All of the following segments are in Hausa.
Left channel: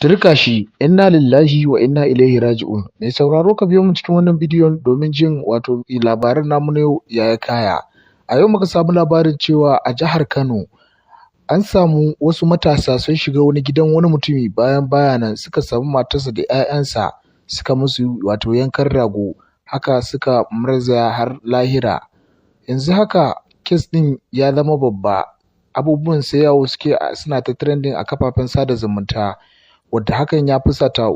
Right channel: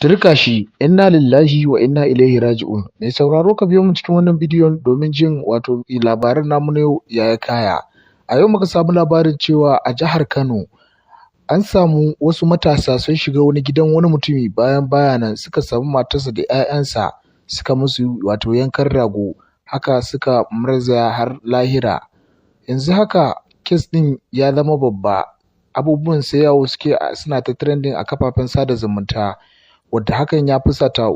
Turka shi, inna lillahi wa inna ilaihi raji'un. Mai sauraro ka biyo mu cikin wannan bidiyon domin jin labaran namu na yau ya kaya. A yau muka samu labarin cewa a jihar Kano an samu wasu matasa sun shiga wani gidan wani mutumi bayan suka samu matarsa da 'ya'yansa suka musu yankan rago, haka suka murzaya har lahira. Yanzu haka kes ɗin ya zama babba, abubuwan sai yawo suke suna ta trending a kafafen sada zumunta, wadda hakan ya fusata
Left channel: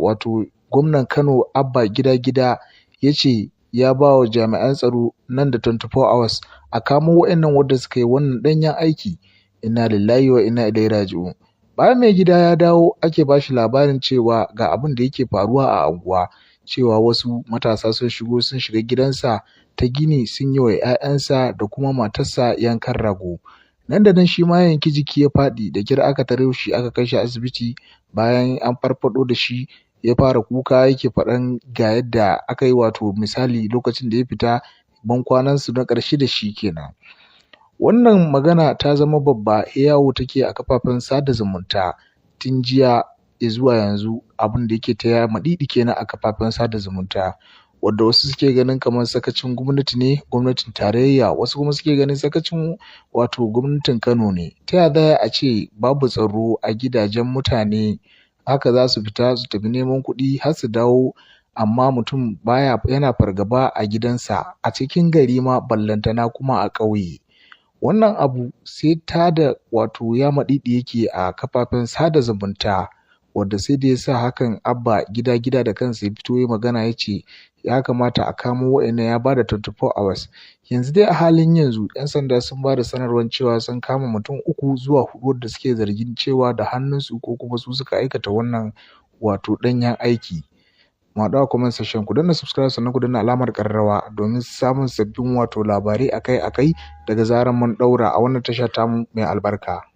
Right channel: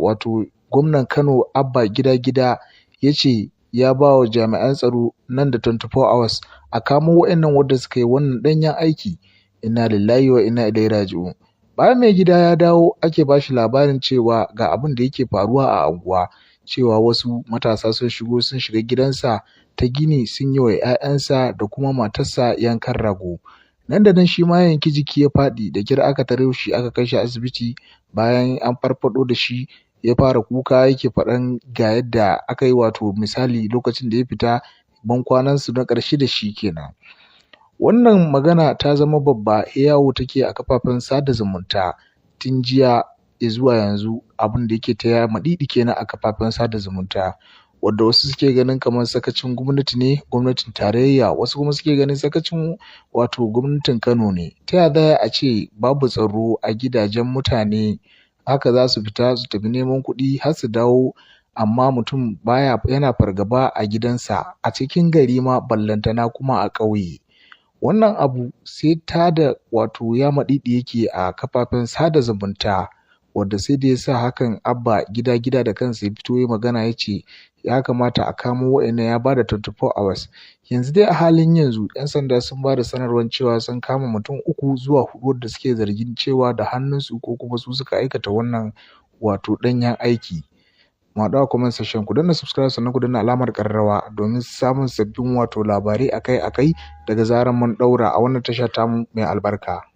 gwamnan Kano Abba Gida Gida ya ce ya ba wa jami'an tsaro nan da 24 hours a kamo waɗannan wadda suka yi wannan ɗanyen aiki. Inna lillahi wa inna ilaihi raji'un. Bayan mai gida ya dawo ake ba shi labarin cewa ga abin da yake faruwa a anguwa, cewa wasu matasa sun shiga gidansa ta gini sun yi wa 'ya'yansa da kuma matarsa yankan rago. Nan da nan shi ma yanki jiki ya faɗi, da kyar aka tare shi aka kai shi asibiti. Bayan an farfaɗo da shi ya fara kuka yake faɗan ga yadda aka yi misali lokacin da ya fita bankwanansu na ƙarshe da shi kenan. Wannan magana ta zama babba, yawo take a kafafen sada zumunta tun jiya zuwa yanzu, abin da yake ta maɗiɗi kenan a kafafen sada zumunta, wadda wasu suke ganin kamar sakacin gwamnati ne, gwamnatin tarayya, wasu kuma suke ganin sakacin gwamnatin Kano ne. Ta ya za a ce babu tsaro a gidajen mutane, haka za su fita su tafi neman kuɗi har su dawo, amma mutum yana fargaba a gidansa a cikin gari ma, ballantana kuma a ƙauye. Wannan abu sai tada ya maɗiɗi yake a kafafen sada zumunta, wadda sai da ya sa hakan Abba Gida Gida da kansa ya fito ya magana ya ce ya kamata a kamo waɗannan, ya bada 24 hours. Yanzu dai a halin yanzu 'yan sanda sun bada sanarwar cewa sun kama mutum 3 zuwa 4 da suke zargin cewa da hannunsu ko kuma su suka aikata wannan ɗanyen aiki. mu haɗu a comment section. Ku danna subscribe sannan ku danna alamar ƙararrawa domin samun sabbin wato labarai akai-akai daga zarar mun ɗaura a wannan tasha tamu mai albarka.